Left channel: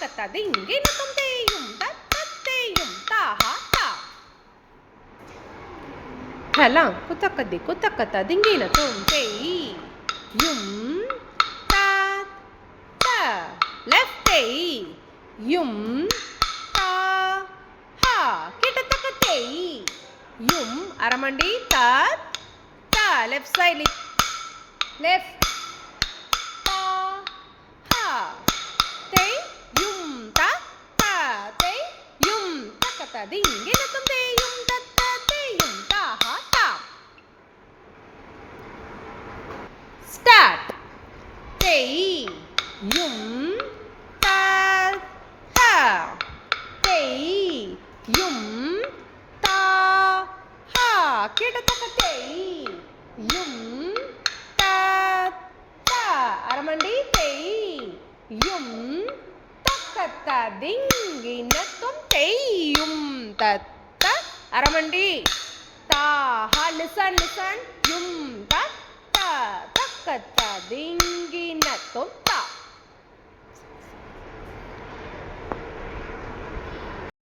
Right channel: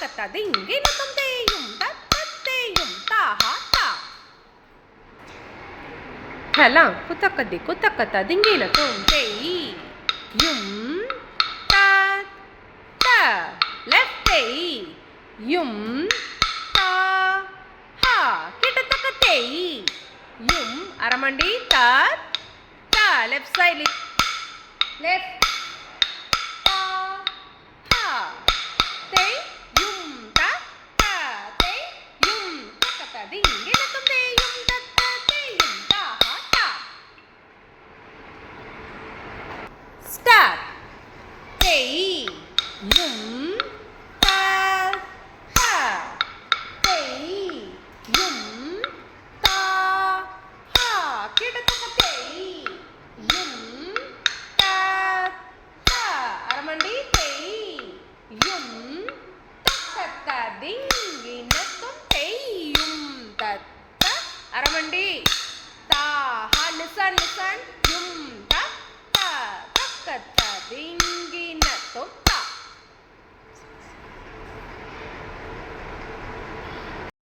தக்கத்த திங்கினத்தும் தேயும் தத்தேயும் தாஹா தா. ஹலாம் குத்தக்கதி குத்தக்கத்த திங்கினத்தும் தேயும் தா தா. லெஃப்ட் தேய் யும் தா ஹா. கிட்டத்தக்க தேய் யும் அரமண்டி தா தா. லெஃப்ட் சைடு லெஃப்ட் தா ஹா. தேய் யும் தா தா. தேய் யும் தக்கத்த திங்கினத்தும் தேயும் தத்தேயும் தாஹா தா. ஸ்டார்ட். தேய் யும் தா ஹா. தேய் யும் தா ஹா. கிட்டத்தக்க தேய் யும் தா தா. அரமண்டி தேய் யும் தக்கத்த திங்கினத்தும் தேயும் தத்த. அரமண்டி தாஹா. லிசன் லிசன் யும் தத்த தக்கத்த திங்கினத்தும்